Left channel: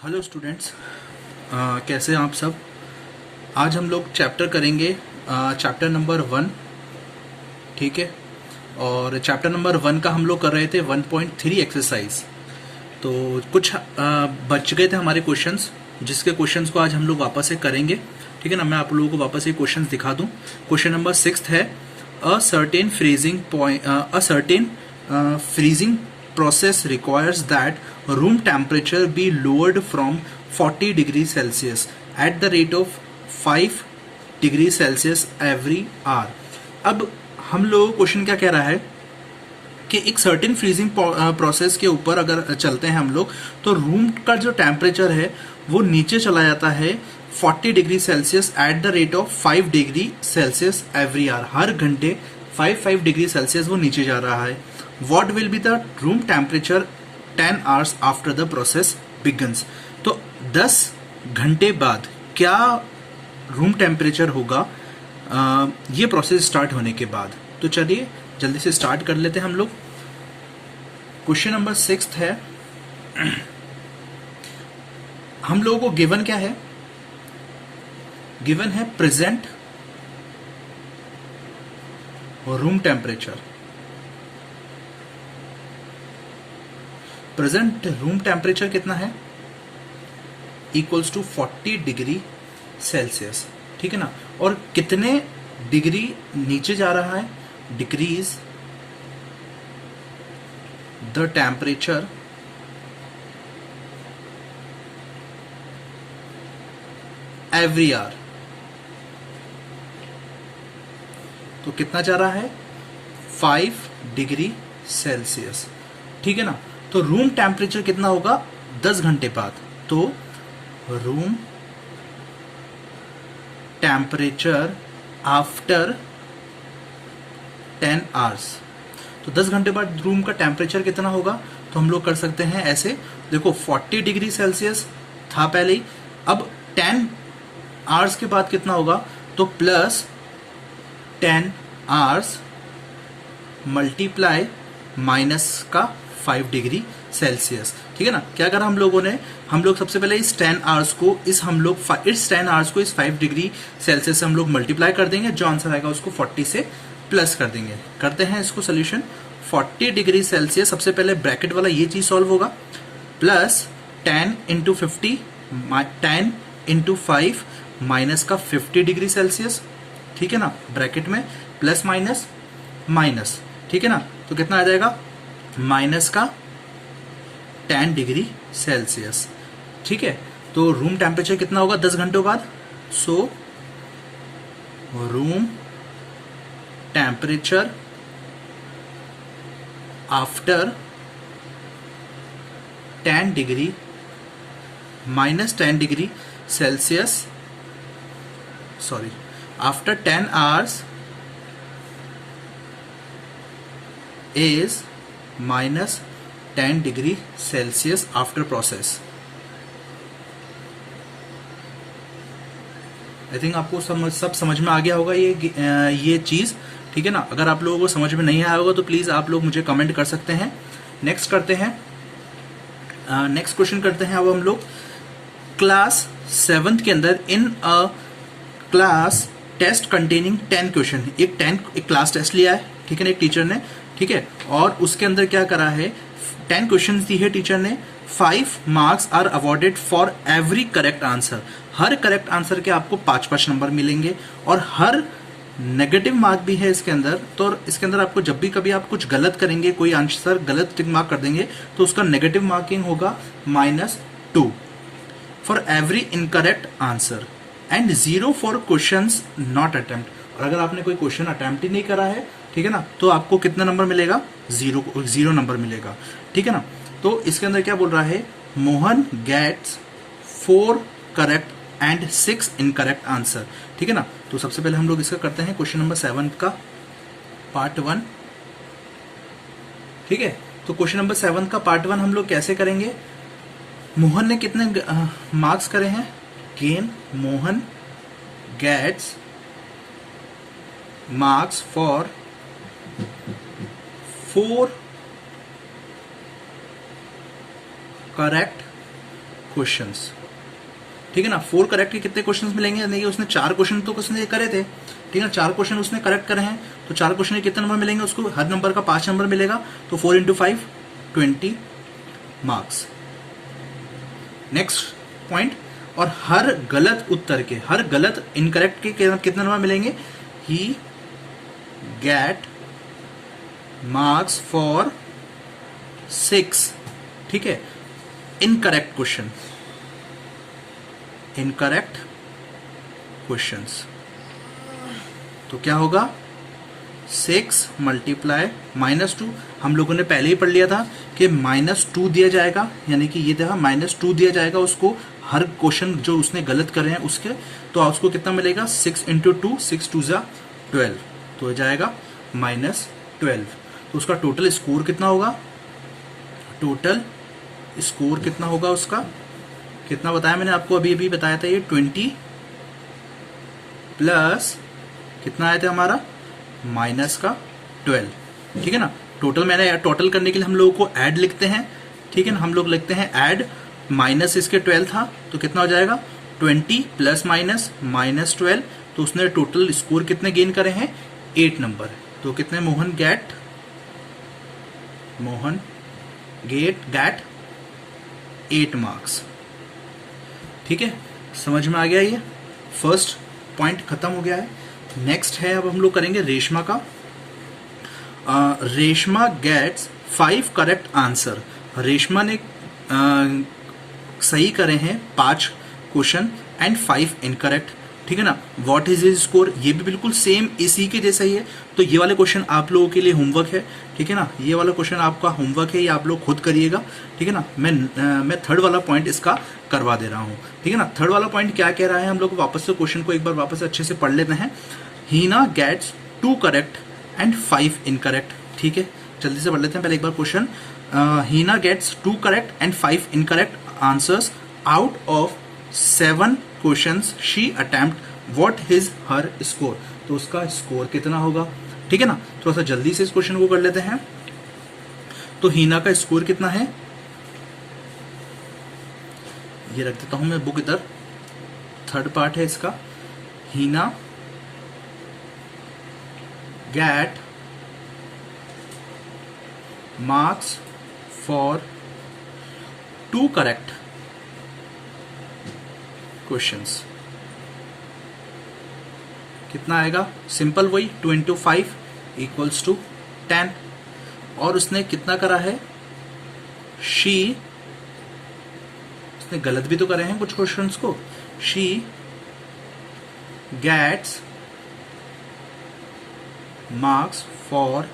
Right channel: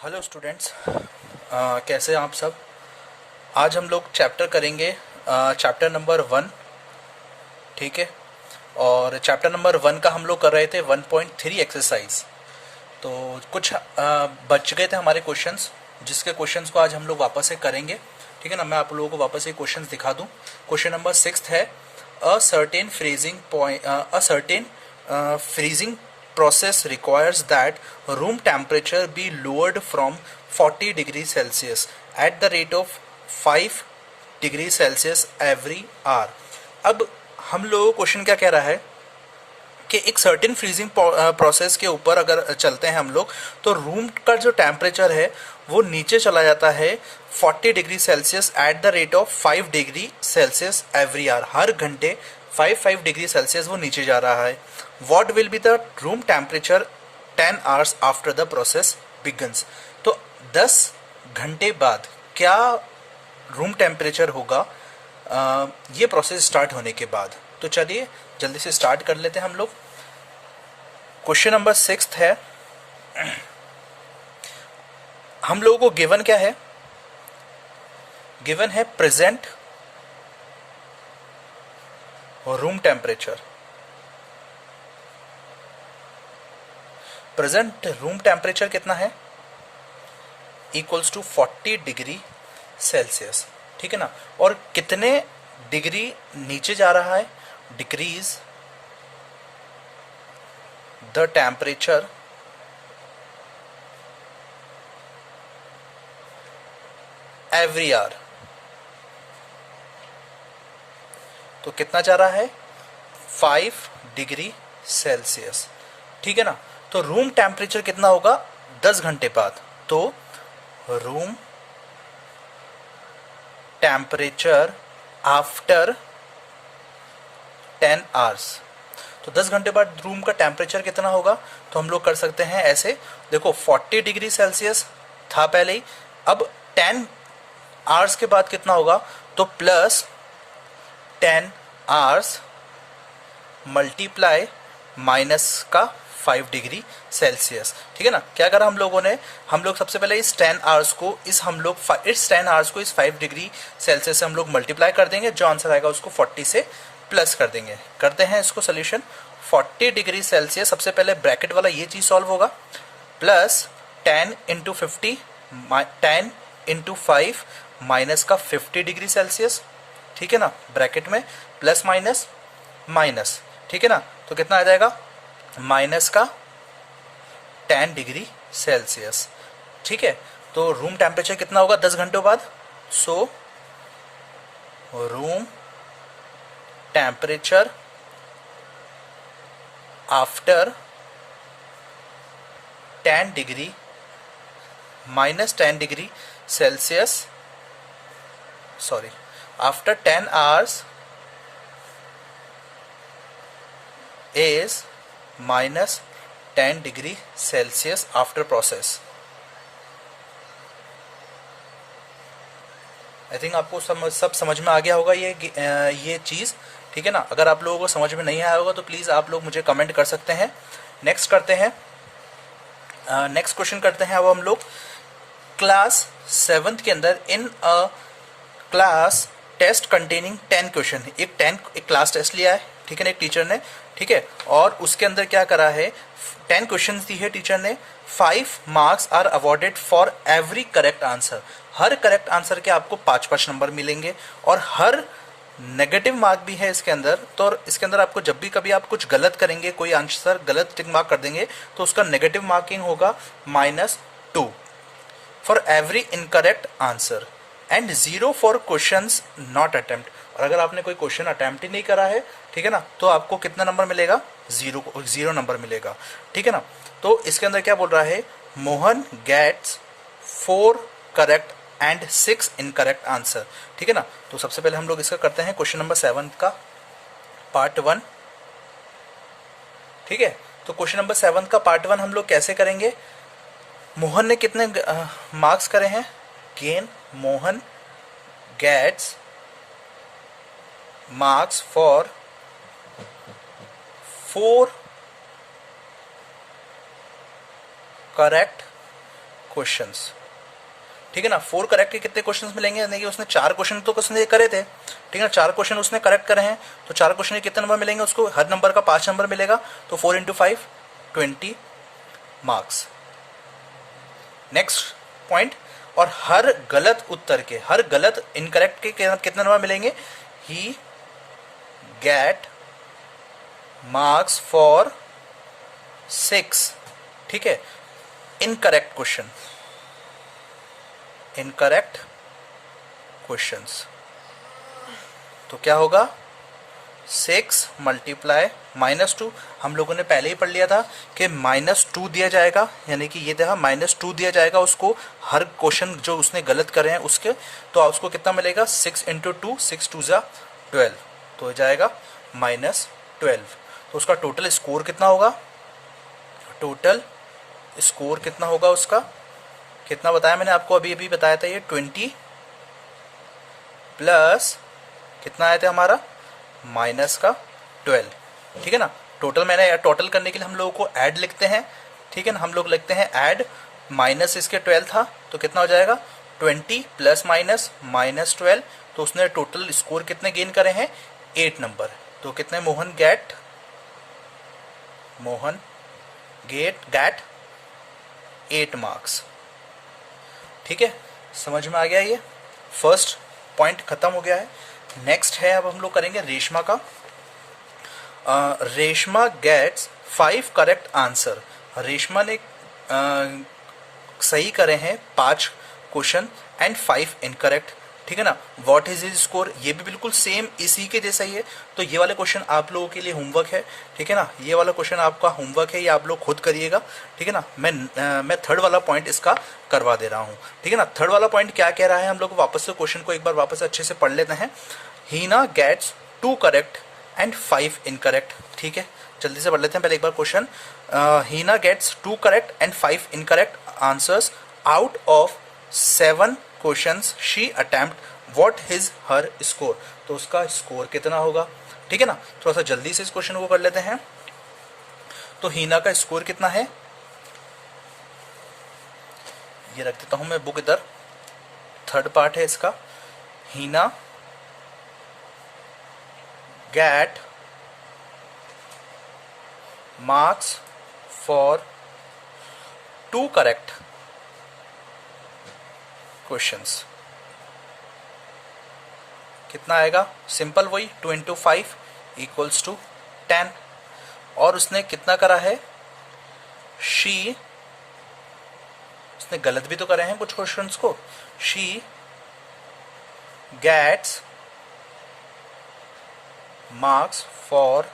Hello students, कैसे हैं आप सब। आज हम लोग चैप्टर करेंगे चैप्टर नंबर 1। ठीक है। और चैप्टर नंबर 1 का हम लोग कर रहे थे 1.3 एक्सरसाइज। तो कुछ बच गए थे हमारे क्वेश्चंस, जिसके क्वेश्चंस को आज हम लोग वापस से करेंगे। ठीक है ना। मैं आप लोगों को वापस से क्वेश्चंस दिखा दूं। क्वेश्चन नंबर 6 है a certain freezing point freezing process requires that room temperature be lowered from 40 degrees Celsius at the rate of 5 degrees Celsius every hour। अब हम लोग क्वेश्चन क्या कह रहा है कि एक सर्टेन फ्रीजिंग प्रोसेस के ऊपर अगर चलते हैं हम लोग, तो रूम का जो टेम्परेचर है वो नीचे चला जाता है 40 degree Celsius at the rate of 5 degree Celsius every hour. हर घंटे 5 डिग्री सेल्सियस वो नीचे जा रहा है। What will be the room temperature 10 hours after the process begins. तो 10 घंटे बाद क्या रूम टेम्परेचर होगा ये प्रोसेस स्टार्ट होने के बाद। तो चलिए जल्दी से स्टार्ट कर लेते हैं हम लोग। क्वेश्चन नंबर 6 है, हम लोगों को गिवन क्या है। गिवन है present room temperature. Present room temperature कितना है, इक्वल्स टू 40 डिग्री सेल्सियस। ठीक है ना। और कितने डिग्री नीचे जा रहा है, decrease the temperature every hour. तो कितना जा रहा है, 5 डिग्री सेल्सियस। ठीक है ना। तो रूम टेम्परेचर कितना होगा 10 घंटे बाद। तो रूम टेम्परेचर आफ्टर 10 आवर्स। तो 10 घंटे बाद रूम का टेम्परेचर कितना होगा, तो हम लोग कर सकते हैं ऐसे। देखो 40 डिग्री सेल्सियस था पहले ही, अब 10 आवर्स के बाद कितना होगा, तो प्लस 10 आवर्स मल्टीप्लाई माइनस का 5 डिग्री सेल्सियस। ठीक है ना। क्या करा हम लोगों ने, हम लोग सबसे पहले इस 10 आवर्स को इस 10 आवर्स को इस 5 डिग्री सेल्सियस से हम लोग मल्टीप्लाई कर देंगे। जो आंसर आएगा उसको 40 से प्लस कर देंगे। करते हैं इसको सोल्यूशन। 40 डिग्री सेल्सियस सबसे पहले ब्रैकेट वाला ये चीज सॉल्व होगा, प्लस 10 इंटू 50 10 इंटू 5 माइनस का 50 डिग्री सेल्सियस। ठीक है ना। ब्रैकेट में प्लस माइनस माइनस। ठीक है ना। तो कितना आ जाएगा, माइनस का 10 डिग्री सेल्सियस। ठीक है। तो रूम टेम्परेचर कितना होगा 10 घंटों बाद। So room temperature after 10 degree minus 10 degree Celsius, sorry, after 10 hours is minus 10 degree Celsius after process. I think आपको सब समझ में आ गया होगा ये चीज। ठीक है ना। अगर आप लोगों को समझ में नहीं आया होगा तो प्लीज आप लोग मुझे कमेंट कर सकते हैं। नेक्स्ट करते हैं, नेक्स्ट क्वेश्चन करते हैं। अब हम लोग क्लास 7th के अंदर in a class test containing 10 question, एक क्लास टेस्ट लिया है। ठीक है ना, एक टीचर ने। ठीक है। और उसके अंदर क्या करा है, 10 क्वेश्चंस दी है टीचर ने। 5 marks are awarded for every correct answer. हर करेक्ट आंसर के आपको 5-5 नंबर मिलेंगे। और हर नेगेटिव मार्क भी है इसके अंदर। तो इसके अंदर आपको जब भी कभी आप कुछ गलत करेंगे, कोई आंसर गलत टिक मार्क कर देंगे, तो उसका नेगेटिव मार्किंग होगा -2 for every incorrect answer and 0 for questions not attempt. और अगर आपने कोई क्वेश्चन अटेम्प्ट ही नहीं करा है, ठीक है ना, तो आपको कितना नंबर मिलेगा, 0 नंबर मिलेगा। ठीक है ना। तो इसके अंदर क्या बोल रहा है, Mohan gets 4 correct and 6 incorrect answer. ठीक है ना। तो सबसे पहले हम लोग इसका करते हैं क्वेश्चन नंबर 7 का पार्ट 1। ठीक है। तो क्वेश्चन नंबर 7 का पार्ट 1 हम लोग कैसे करेंगे। मोहन ने कितने मार्क्स करे हैं, gain Mohan gets marks for 4 correct questions, ठीक है ना। 4 करेक्ट के कितने क्वेश्चंस मिलेंगे, यानी कि उसने 4 क्वेश्चन तो उसने करे थे, ठीक है ना, 4 क्वेश्चन उसने करेक्ट करे हैं, तो 4 क्वेश्चन के कितने नंबर मिलेंगे उसको, हर नंबर का 5 नंबर मिलेगा, तो 4 इंटू 5 20 मार्क्स। नेक्स्ट पॉइंट, और हर गलत उत्तर के, हर गलत इनकरेक्ट के कितने नंबर मिलेंगे, ही गेट मार्क्स फॉर 6, ठीक है। इनकरेक्ट क्वेश्चन, इनकरेक्ट क्वेश्चंस, तो क्या होगा 6 मल्टीप्लाई -2, हम लोगों ने पहले ही पढ़ लिया था कि -2 दिया जाएगा, यानी कि ये देखा -2 दिया जाएगा उसको, हर क्वेश्चन जो उसने गलत करे हैं उसके, तो उसको कितना मिलेगा 6 इंटू 2, 6 2 जा 12, तो हो जाएगा -12। तो उसका टोटल स्कोर कितना होगा, टोटल स्कोर कितना होगा उसका, कितना बताया मैंने आपको, अभी अभी बताया था ये 20 प्लस कितना आया था हमारा -12, ठीक है ना। टोटल मैंने टोटल करने के लिए हम लोगों को ऐड लिखते हैं, ठीक है ना, हम लोग लिखते हैं ऐड, माइनस इसके 12 था तो कितना हो जाएगा 20 प्लस -12, तो उसने टोटल स्कोर कितने गेन करे हैं 8 नंबर, तो कितने मोहन गेट 8 मार्क्स, ठीक है। समझ में आ गया, ये फर्स्ट पॉइंट खत्म हो गया है। नेक्स्ट है, अब हम लोग करेंगे रेशमा का। Reshma gets 5 correct answer, Reshma ने सही करे हैं 5 क्वेश्चन एंड 5 इनकरेक्ट, ठीक है ना। व्हाट इज हिज स्कोर, ये भी बिल्कुल सेम इसी के जैसा ही है, तो ये वाले क्वेश्चन आप लोगों के लिए होमवर्क है, ठीक है ना, ये वाला क्वेश्चन आपका होमवर्क है, ये आप लोग खुद करिएगा, ठीक है ना। मैं थर्ड वाला पॉइंट इसका करवा दे रहा हूँ, ठीक है ना। थर्ड वाला पॉइंट क्या कह रहा है, हम लोग वापस से क्वेश्चन को एक बार वापस से अच्छे से पढ़ लेते हैं। Heena gets 2 correct and 5 incorrect, ठीक है, जल्दी से पढ़ लेते हैं पहले एक बार question. Heena gets 2 correct and 5 incorrect answers out of 7 questions she attempt, what is her score, तो उसका स्कोर कितना होगा, ठीक है ना। थोड़ा सा जल्दी से इस क्वेश्चन को कर लेते हैं। तो हीना का स्कोर कितना है, ये रख देता हूं मैं बुक इधर, थर्ड पार्ट है इसका। Heena get marks for 2 correct questions, कितना आएगा, सिंपल वही 2 इंटू 5 इक्वल्स टू 10, और उसने कितना करा है, उसने गलत भी तो करे हैं कुछ क्वेश्चंस को, she gets marks for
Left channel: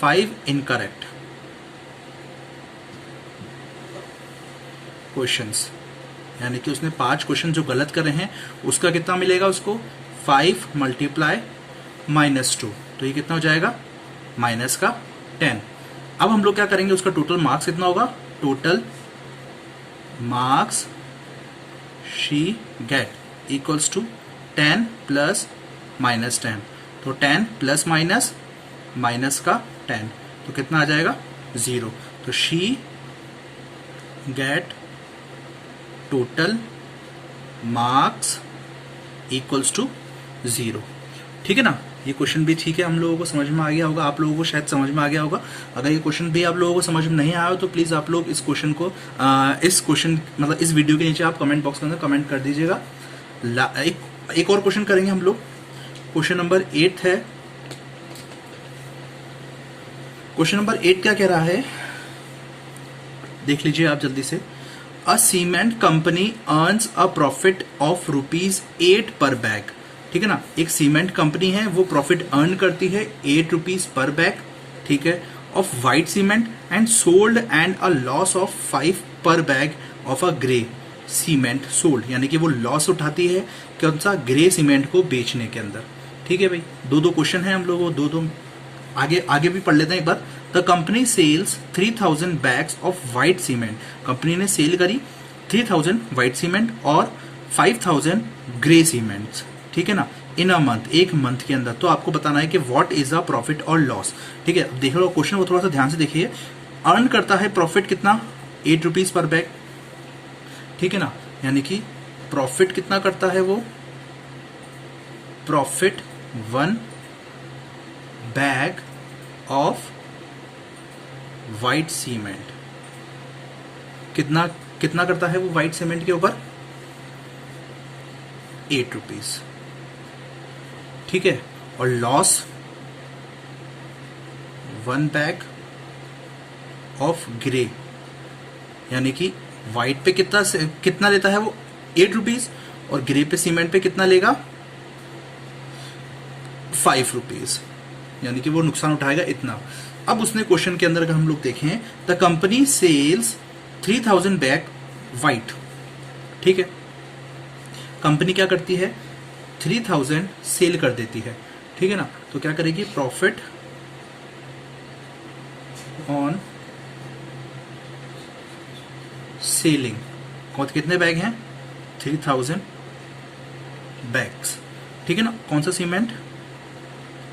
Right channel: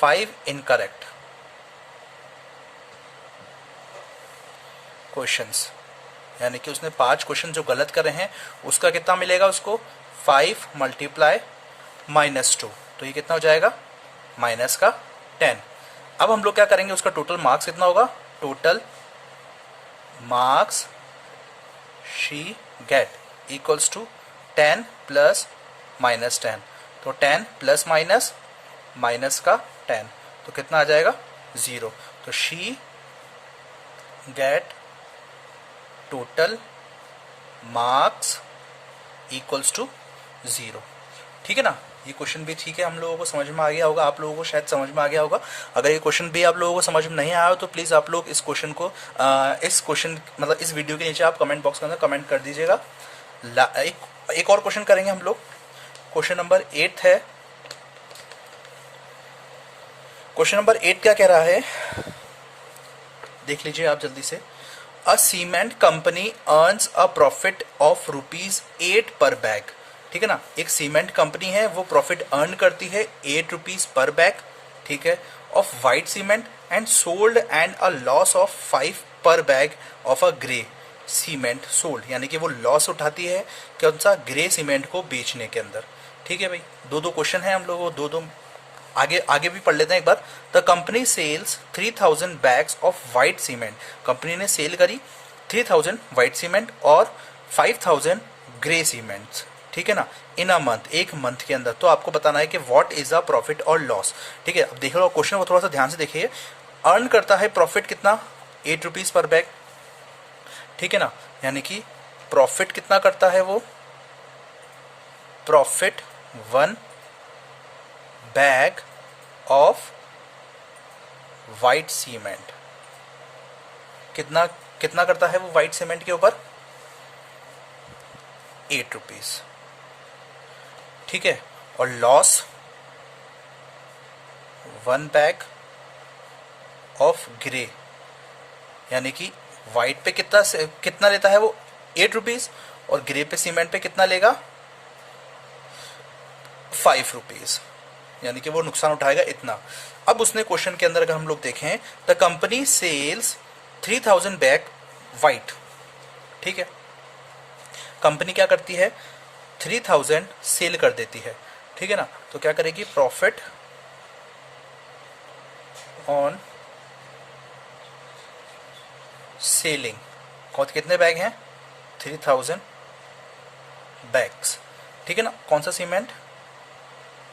5 incorrect questions, यानी कि उसने 5 क्वेश्चन जो गलत करे हैं उसका कितना मिलेगा उसको, 5 मल्टीप्लाई -2, तो ये कितना हो जाएगा -10। अब हम लोग क्या करेंगे, उसका टोटल मार्क्स कितना होगा, total marks she get equals to 10 plus -10, तो 10 प्लस माइनस का 10, तो कितना आ जाएगा 0, तो she get total marks equals to 0, ठीक है ना। ये क्वेश्चन भी ठीक है, हम लोगों को समझ में आ गया होगा, आप लोगों को शायद समझ में आ गया होगा। अगर ये क्वेश्चन भी आप लोगों को समझ में नहीं आया हो तो प्लीज आप लोग इस क्वेश्चन को इस क्वेश्चन मतलब इस वीडियो के नीचे आप कमेंट बॉक्स के अंदर कमेंट कर दीजिएगा। एक और क्वेश्चन करेंगे हम लोग, क्वेश्चन नंबर 8 है। क्वेश्चन नंबर 8 क्या कह रहा है, देख लीजिए आप जल्दी से। A cement company earns a profit of ₹8 per bag, ठीक है ना। एक सीमेंट कंपनी है, वो प्रॉफिट अर्न करती है ₹8 पर बैग, ठीक है, of white cement and sold and a loss of 5 पर bag of a grey cement sold, यानी कि वो लॉस उठाती है कौन सा, ग्रे सीमेंट को बेचने के अंदर, ठीक है भाई। दो क्वेश्चन है, हम लोग दो आगे भी पढ़ लेते हैं एक बार। The company sales 3000 bags of white cement, company ने सेल करी 3000 व्हाइट सीमेंट और 5000 ग्रे सीमेंट, ठीक है ना, इन अ मंथ, एक मंथ के अंदर। तो आपको बताना है कि व्हाट इज अ प्रॉफिट और लॉस, ठीक है। अब देख लो क्वेश्चन को थोड़ा सा ध्यान से देखिए। अर्न करता है प्रॉफिट कितना, 8 रुपीज पर बैग, ठीक है ना। यानी कि प्रॉफिट कितना करता है वो, profit 1 bag of white cement, कितना कितना करता है वो वाइट सीमेंट के ऊपर, 8 रुपीज, ठीक है। और लॉस 1 बैग ऑफ ग्रे, यानी कि वाइट पे कितना लेता है वो, 8 रुपीज, और ग्रे पे सीमेंट पे कितना लेगा, 5 रुपीज, यानी कि वो नुकसान उठाएगा इतना। अब उसने क्वेश्चन के अंदर अगर हम लोग देखें, the company sales 3000 bag white, ठीक है। कंपनी क्या करती है, 3000 सेल कर देती है, ठीक है ना। तो क्या करेगी, प्रॉफिट ऑन सेलिंग, कितने बैग हैं, 3000 बैग्स, ठीक है ना। कौन सा सीमेंट,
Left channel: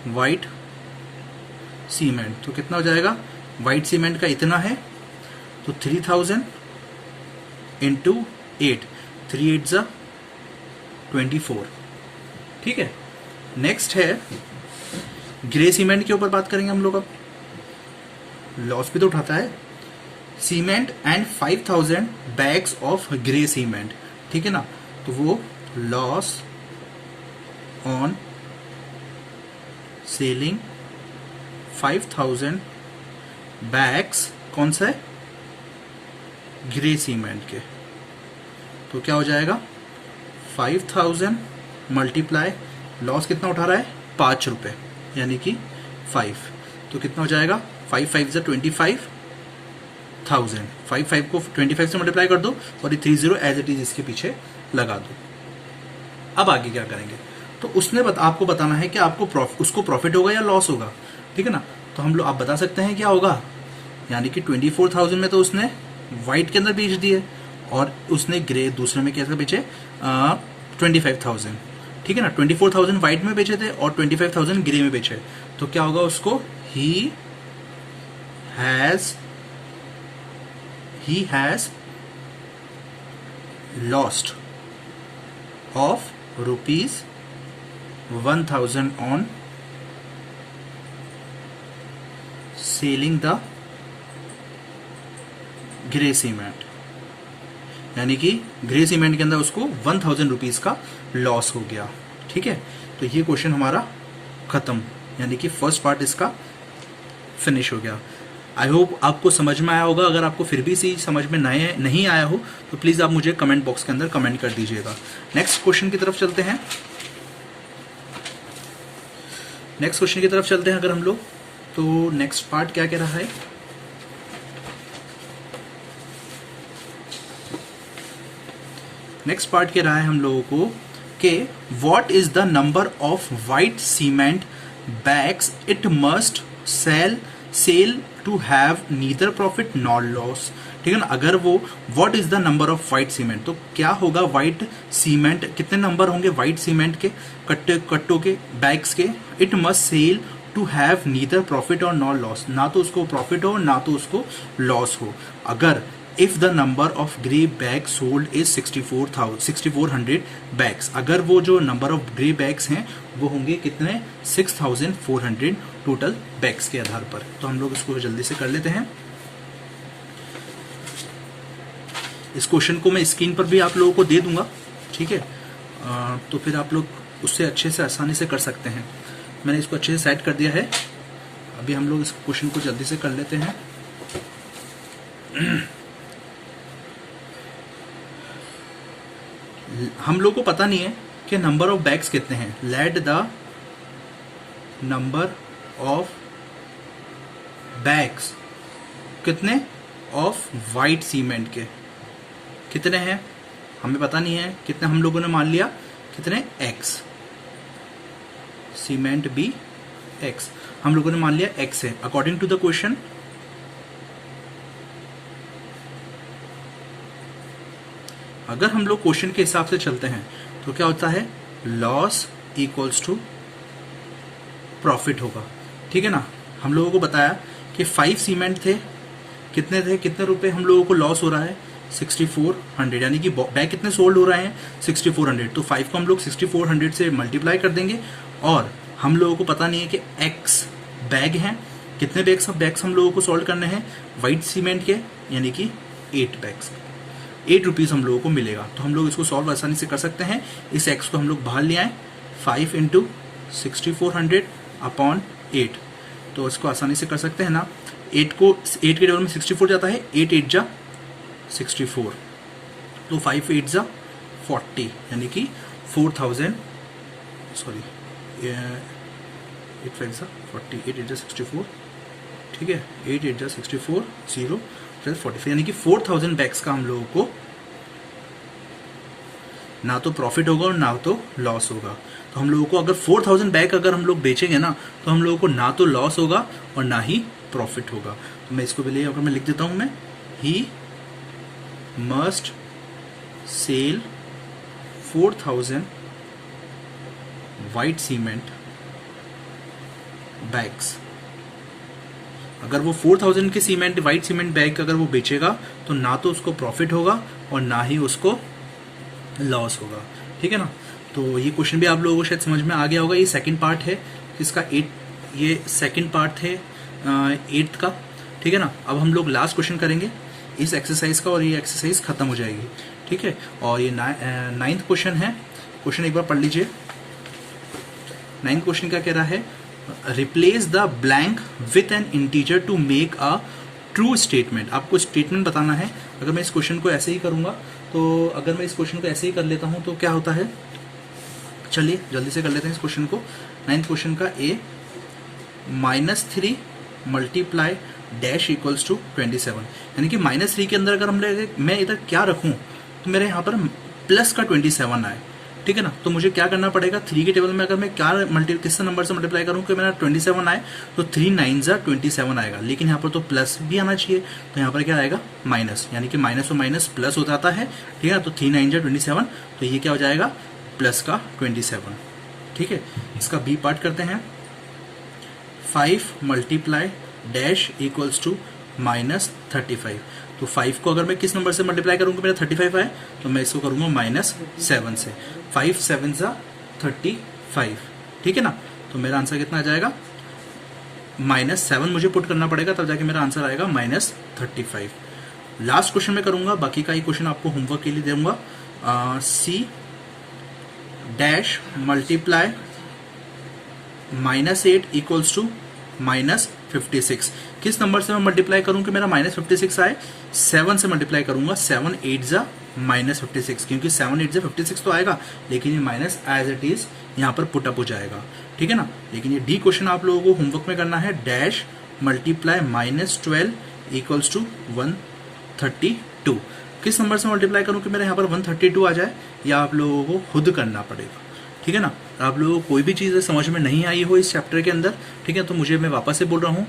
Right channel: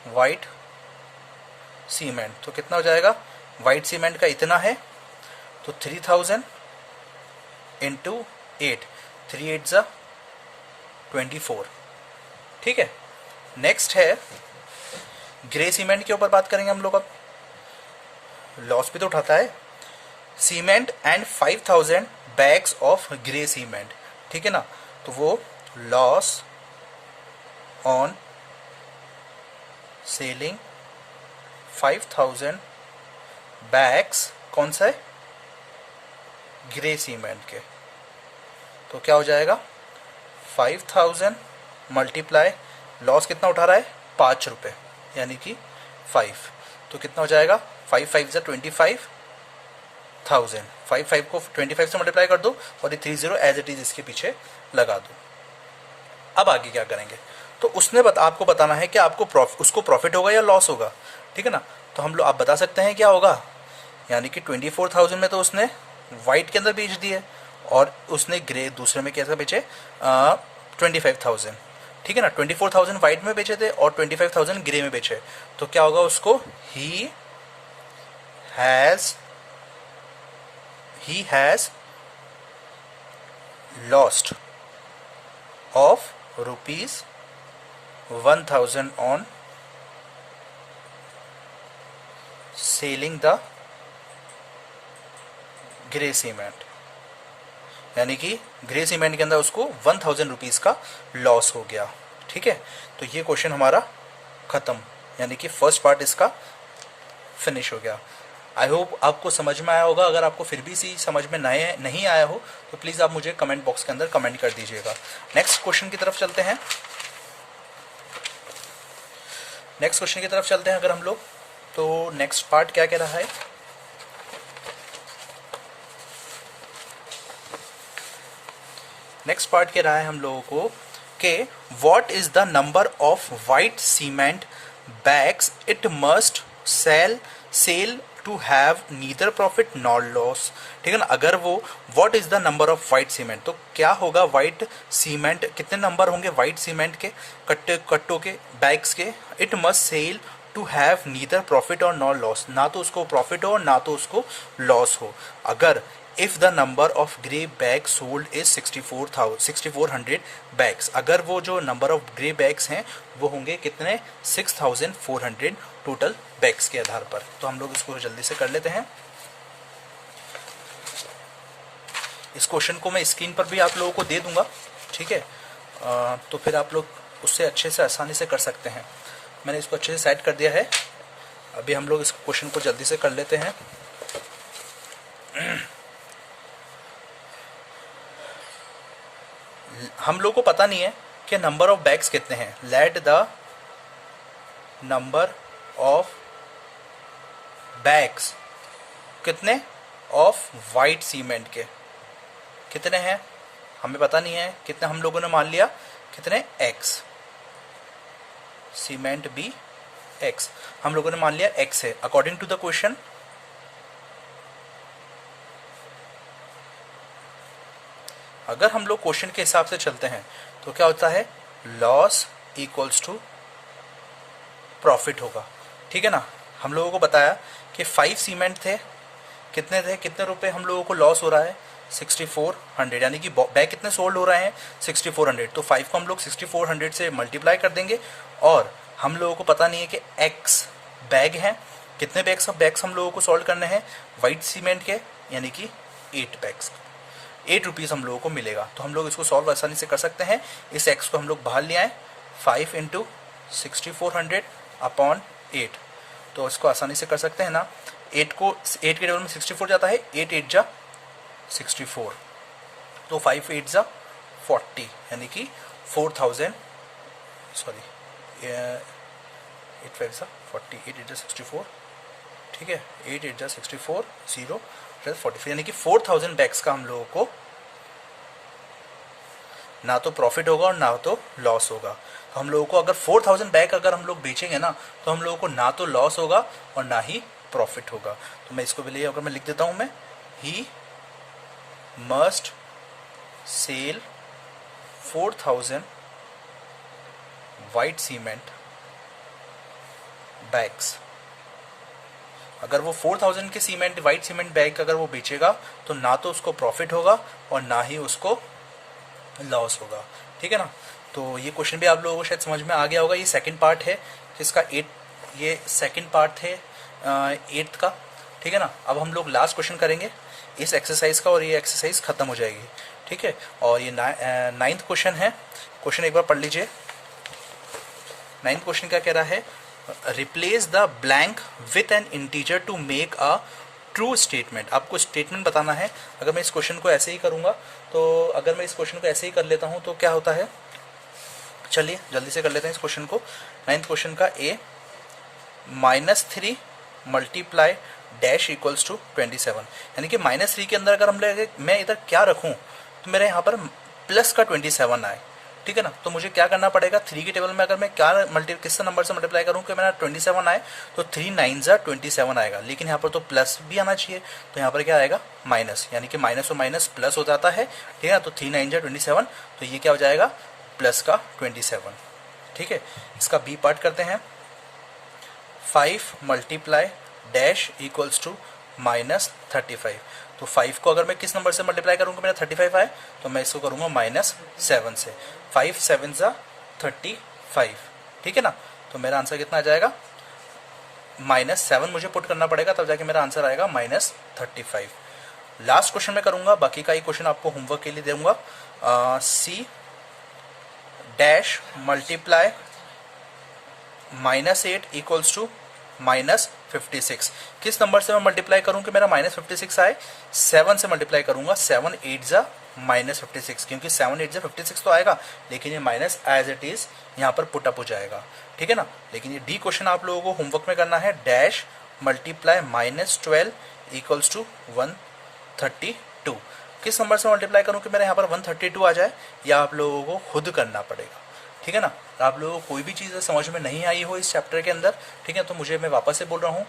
वाइट सीमेंट, तो कितना हो जाएगा, वाइट सीमेंट का इतना है, तो 3000 इंटू 8, 3 8 जा 24, ठीक है। नेक्स्ट है ग्रे सीमेंट के ऊपर बात करेंगे हम लोग। अब लॉस भी तो उठाता है, cement and 5000 bags of grey cement, ठीक है ना। तो वो लॉस ऑन सेलिंग 5000 बैग्स, कौन सा है, ग्रे सीमेंट के, तो क्या हो जाएगा, 5000 मल्टीप्लाई, लॉस कितना उठा रहा है, 5 रुपए, यानी कि 5, तो कितना हो जाएगा, 5 5 जा 25,000, 5 को 25 से मल्टीप्लाई कर दो और ये 30 एज इट इज इसके पीछे लगा दो। अब आगे क्या करेंगे, तो उसने आपको बताना है कि आपको उसको प्रॉफिट होगा या लॉस होगा, ठीक है ना। तो हम लोग आप बता सकते हैं क्या होगा, यानी कि 24,000 में तो उसने व्हाइट के अंदर बेच दिए और उसने ग्रे दूसरे में कैसा बेचे, 25,000, ठीक है ना। 24,000 व्हाइट में बेचे थे और 25,000 ग्रे में बेचे, तो क्या होगा उसको, he has lost of ₹1,000 on selling the grey cement, यानी कि ग्रे सीमेंट के अंदर उसको 1,000 रुपीज का लॉस हो गया, ठीक है। तो ये क्वेश्चन हमारा खत्म, यानी कि फर्स्ट पार्ट इसका फिनिश हो गया। आई होप आपको समझ में आया होगा। अगर आपको फिर भी इसी समझ में नहीं आया हो तो प्लीज आप मुझे कमेंट बॉक्स के अंदर कमेंट कर दीजिएगा। नेक्स्ट क्वेश्चन की तरफ चलते हैं। अगर हम लोग, तो नेक्स्ट पार्ट क्या कह रहा है, नेक्स्ट पार्ट कह रहा है हम लोगों को कि what is the number of white cement bags it must sell to have neither profit nor loss, ठीक है ना। अगर वो what is the number of white cement, तो क्या होगा, वाइट सीमेंट कितने नंबर होंगे वाइट सीमेंट के, कट्टों के, बैग्स के, it must sell to have neither profit और नॉर लॉस, ना तो उसको प्रॉफिट हो ना तो उसको लॉस हो। अगर if the number of grey bag sold is 6400 bags, अगर वो जो नंबर ऑफ ग्रे बैग्स हैं वो होंगे कितने, 6400 टोटल बैग्स के आधार पर। तो हम लोग इसको जल्दी से कर लेते हैं। इस क्वेश्चन को मैं स्क्रीन पर भी आप लोगों को दे दूंगा, ठीक है। तो फिर आप लोग उससे अच्छे से आसानी से कर सकते हैं। मैंने इसको अच्छे से सेट कर दिया है। अभी हम लोग इस क्वेश्चन को जल्दी से कर लेते हैं। हम लोग को पता नहीं है कि नंबर ऑफ बैग्स कितने हैं। Let the number of bags कितने ऑफ वाइट सीमेंट के कितने हैं, हमें पता नहीं है कितने। हम लोगों ने मान लिया कितने, x, सीमेंट भी x, हम लोगों ने मान लिया x है अकॉर्डिंग टू द क्वेश्चन। अगर हम लोग क्वेश्चन के हिसाब से चलते हैं तो क्या होता है, लॉस इक्वल्स टू प्रॉफिट होगा, ठीक है ना। हम लोगों को बताया कि 5 सीमेंट थे, कितने थे, कितने रुपए हम लोगों को लॉस हो रहा है, 6400, यानी कि बैग कितने सोल्ड हो रहे हैं, 6400। तो 5 को हम लोग 6400 से मल्टीप्लाई कर देंगे, और हम लोगों को पता नहीं है कि एक्स बैग हैं, कितने बैग्स हम लोगों को सॉल्व करने हैं वाइट सीमेंट के, यानी कि 8 बैग्स, 8 रुपीज़ हम लोगों को मिलेगा। तो हम लोग इसको सॉल्व आसानी से कर सकते हैं। इस एक्स को हम लोग बाहर ले आए, 5 इंटू 6400 अपॉन 8, तो इसको आसानी से कर सकते हैं ना। 8 के टेबल में 64 जाता है, 8 8 जा 64, तो 5 8 जा 40, यानी कि 4000, सॉरी 8 5 जा 40, 8 8 जा 64, ठीक है, 8 8 जा 64, 0 प्लस 44, यानी कि 4000 बैग्स का हम लोगों को ना तो प्रॉफिट होगा और ना तो लॉस होगा। तो हम लोगों को अगर 4000 बैग अगर हम लोग बेचेंगे ना, तो हम लोगों को ना तो लॉस होगा और ना ही प्रॉफिट होगा। तो मैं इसको पहले अगर मैं लिख देता हूं, मैं he must sell 4000 white cement bags. अगर वो 4000 के सीमेंट वाइट सीमेंट बैग अगर वो बेचेगा, तो ना तो उसको प्रॉफिट होगा और ना ही उसको लॉस होगा, ठीक है ना। तो ये क्वेश्चन भी आप लोगों को शायद समझ में आ गया होगा। ये सेकंड पार्ट है इसका, 8, ये सेकंड पार्ट है 8th का, ठीक है ना। अब हम लोग लास्ट क्वेश्चन करेंगे इस एक्सरसाइज का, और ये एक्सरसाइज खत्म हो जाएगी, ठीक है। और ये 9th क्वेश्चन है। क्वेश्चन एक बार पढ़ लीजिए। 9th क्वेश्चन क्या कह रहा है, replace the blank with an integer to make a true statement. आपको स्टेटमेंट बताना है। अगर मैं इस क्वेश्चन को ऐसे ही करूंगा, तो अगर मैं इस क्वेश्चन को ऐसे ही कर लेता हूं तो क्या होता है, चलिए जल्दी से कर लेते हैं इस क्वेश्चन को। 9th क्वेश्चन का ए -3 मल्टीप्लाई डैश इक्वल्स टू 27, यानी कि -3 के अंदर अगर हम मैं इधर क्या रखूं, तो मेरे यहाँ पर प्लस का 27 आए, ठीक है ना। तो मुझे क्या करना पड़ेगा, 3 के टेबल में अगर मैं क्या किस नंबर से मल्टीप्लाई करूं कि मेरा 27 आए, तो 3 9 जा 27 आएगा। लेकिन यहाँ पर तो प्लस भी आना चाहिए, तो यहाँ पर क्या आएगा, माइनस, यानी कि माइनस और माइनस प्लस हो जाता है, ठीक है। तो 3 9 जा 27, तो ये क्या हो जाएगा, प्लस का 27, ठीक है। इसका बी पार्ट करते हैं। 5 मल्टीप्लाई डैश इक्वल्स टू -35। तो 5 को अगर मैं किस नंबर से मल्टीप्लाई करूंगा, मेरा 35 आए, तो मैं इसको करूंगा -7 से। 5 7 जा 35, ठीक है ना। तो मेरा आंसर कितना आ जाएगा, -7 मुझे पुट करना पड़ेगा, तब जाके मेरा आंसर आएगा -35। लास्ट क्वेश्चन में करूंगा, बाकी का ही क्वेश्चन आपको होमवर्क के लिए दूंगा। C dash multiply -8 equals to -56। किस नंबर से मैं मल्टीप्लाई करूं कि मेरा -56 आए, 7 से मल्टीप्लाई करूंगा। 7 8 जा -56, क्योंकि 7 8 जा 56 तो आएगा, लेकिन ये माइनस एज इट इज यहाँ पर पुट अप हो जाएगा, ठीक है ना। लेकिन ये डी क्वेश्चन आप लोगों को होमवर्क में करना है। Dash multiply -12 equals to 132। किस नंबर से मल्टीप्लाई करूं कि मेरे यहाँ पर 132 आ जाए, या आप लोगों को खुद करना पड़ेगा, ठीक है ना। तो आप लोगों को कोई भी चीज़ समझ में नहीं आई हो इस चैप्टर के अंदर, ठीक है, तो मुझे, मैं वापस से बोल रहा हूँ,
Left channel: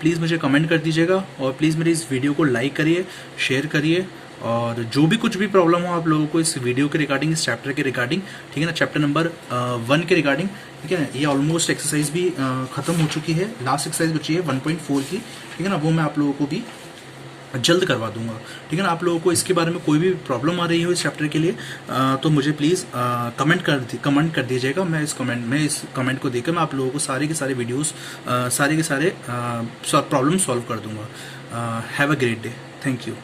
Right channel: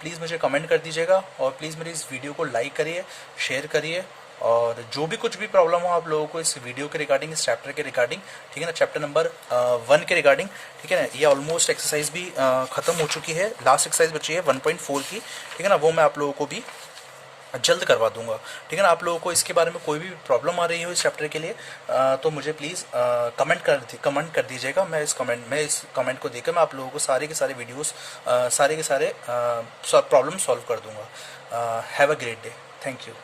प्लीज़ मुझे कमेंट कर दीजिएगा, और प्लीज़ मेरी इस वीडियो को लाइक करिए, शेयर करिए, और जो भी कुछ भी प्रॉब्लम हो आप लोगों को इस वीडियो के रिगार्डिंग, इस चैप्टर के रिगार्डिंग, ठीक है ना, चैप्टर नंबर 1 के रिगार्डिंग, ठीक है ना। ये ऑलमोस्ट एक्सरसाइज भी खत्म हो चुकी है, लास्ट एक्सरसाइज बची है 1.4 की, ठीक है ना, वो मैं आप लोगों को भी जल्द करवा दूंगा, ठीक है ना। आप लोगों को इसके बारे में कोई भी प्रॉब्लम आ रही हो इस चैप्टर के लिए, तो मुझे प्लीज़ कमेंट कर दीजिएगा। मैं इस कमेंट को देकर मैं आप लोगों को सारे के सारे वीडियोस, सारे के सारे प्रॉब्लम सॉल्व कर दूंगा। Have a great day, thank you.